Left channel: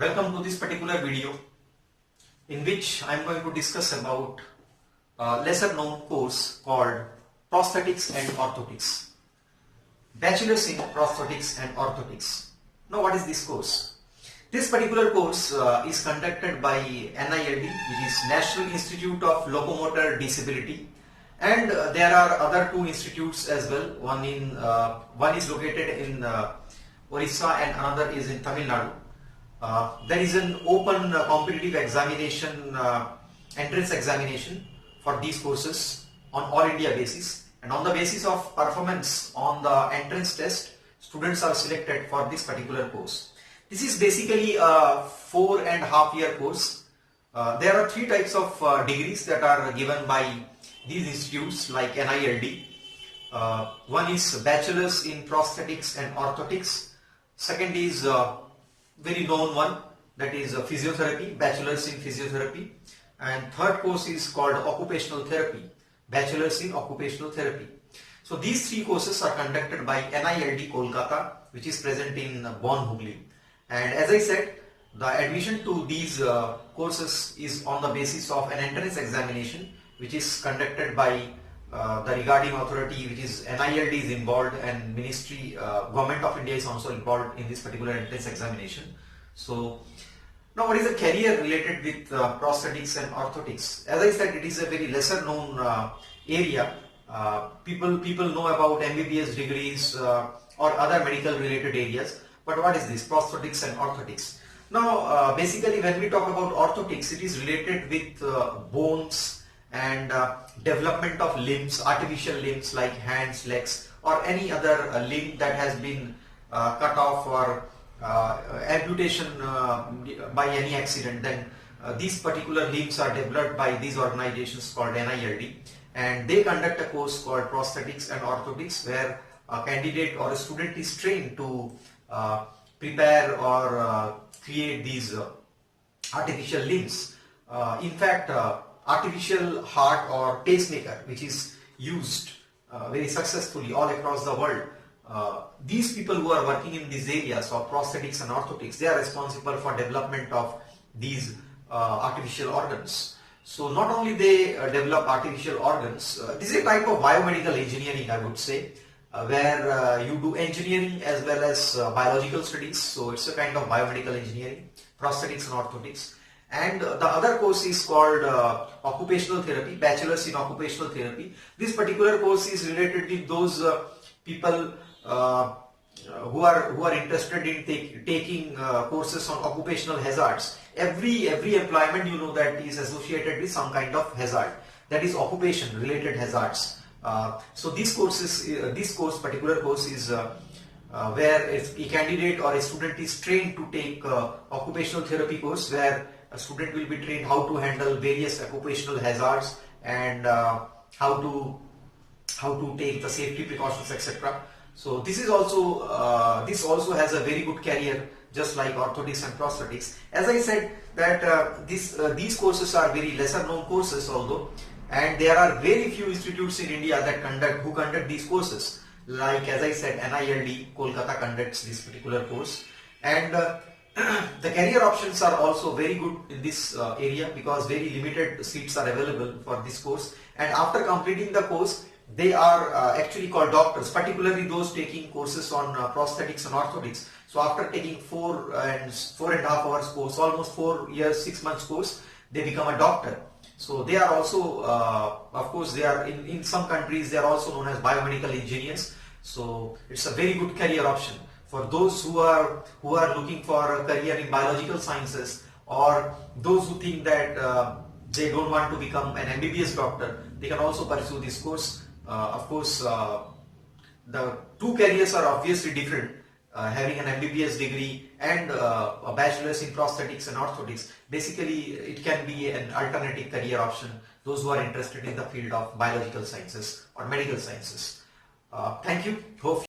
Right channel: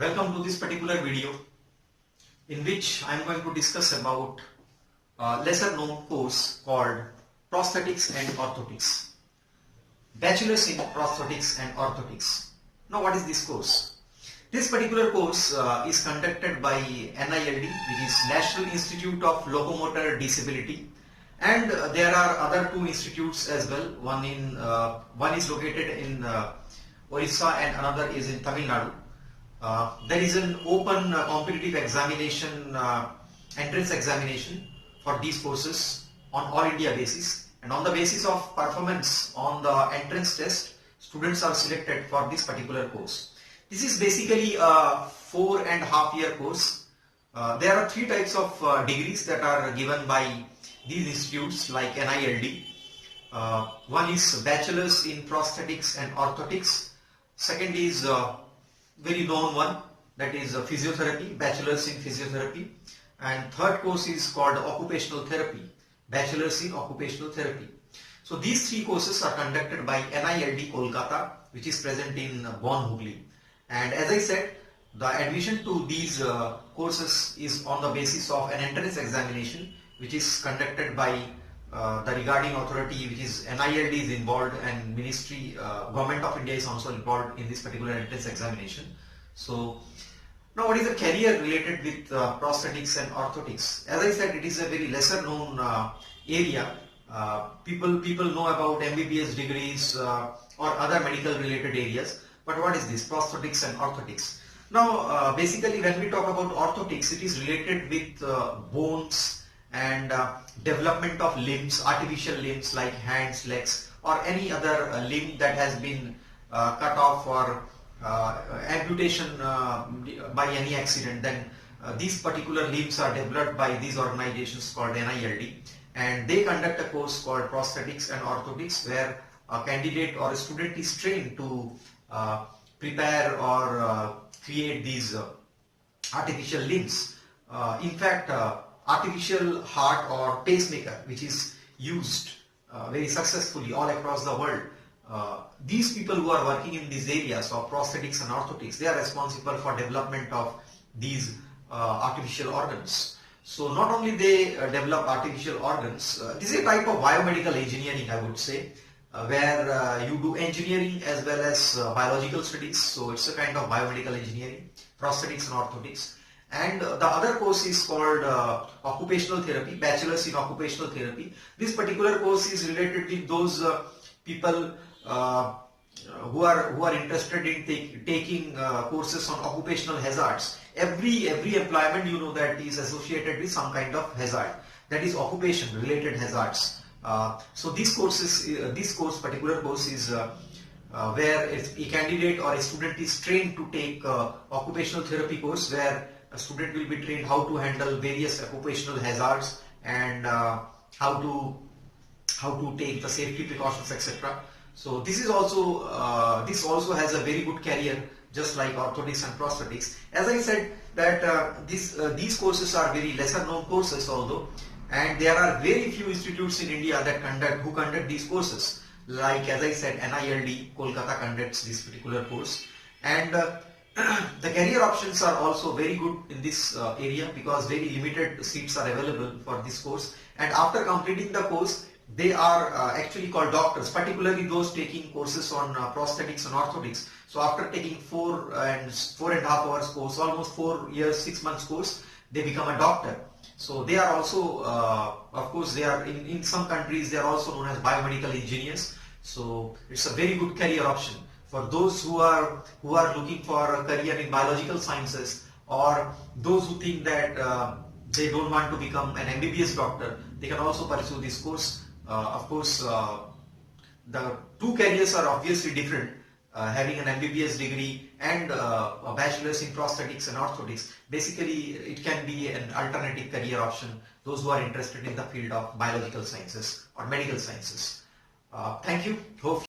Welcome to this particular video in which I am going to discuss about a lesser known course called Prosthetics and Orthotics. Bachelor's in Prosthetics and Orthotics. Now what is this course? This particular course is conducted by NILD, which is National Institute of Locomotor Disability, and there are other two institutes as well. One is located in Orissa and another is in Tamil Nadu. There is an open competitive examination, entrance examination for these courses on all India basis, and on the basis of performance on the entrance test, students are selected for this particular course. This is basically a 4.5 year course. There are three types of degrees that are given by these institutes like NILD. One is Bachelor's in Prosthetics and Orthotics. Second is very known one, that is Physiotherapy, Bachelor's in Physiotherapy. And third course is called Occupational Therapy, Bachelor's in Occupational Therapy. So these three courses are conducted by NILD Kolkata, which is present in Bon Hugli. And as I said, the admission to these courses is on the basis of an entrance examination which is conducted by the regarding authority, which is NILD is involved, and Ministry, Government of India is also involved in this particular entrance examination. So now what is the career related with prosthetics and orthotics? As I said, it is a very lesser known area. People know about MBBS degrees or other medical related areas. But what is this prosthetics and orthotics? Now basically when we talk about orthotics, it is related with bones and development of limbs, artificial limbs like hands, legs, or any other limb that has been cut off or amputation by any accident. Then these particular limbs are developed by these organizations called NILD, and they conduct a course called Prosthetics and Orthotics, where a candidate or a student is trained to prepare or create these artificial limbs. In fact, artificial heart or pacemaker, which is used very successfully all across the world, these people who are working in these areas of prosthetics and orthotics, they are responsible for development of these artificial organs. So not only they develop artificial organs, this is a type of biomedical engineering, I would say, where you do engineering as well as biological studies. So it's a kind of biomedical engineering, prosthetics and orthotics. And the other course is called Occupational Therapy, Bachelor's in Occupational Therapy. This particular course is related with those people who are interested in taking courses on occupational hazards. Every employment, you know, that is associated with some kind of hazard, that is occupation related hazards. So these courses, particular course is where if a candidate or a student is trained to take occupational therapy course, where a student will be trained how to handle various occupational hazards and how to take the safety precautions, etc. So this is also this also has a very good career, just like orthotics and prosthetics. As I said that these courses are very lesser known courses although, and there are very few institutes in India that conduct these courses. Like as I said, NILD Kolkata conducts this particular course, and the career options are also very good in this area because very limited seats are available for this course. And after completing the course, they are actually called doctors, particularly those taking courses on prosthetics and orthotics. So after taking 4.5 hours course, almost 4 years, 6 months course, they become a doctor. So they are also, of course, they are in some countries they are also known as biomedical engineers. So it's a very good career option for those who are looking for a career in biological sciences, or those who think that they don't want to become an MBBS doctor. They can also pursue this course. Of course, the two careers are obviously different. Having an MBBS degree and a bachelor's in prosthetics and orthotics, basically it can be an alternative career option, those who are interested in the field of biological sciences or medical sciences. Thank you. Hope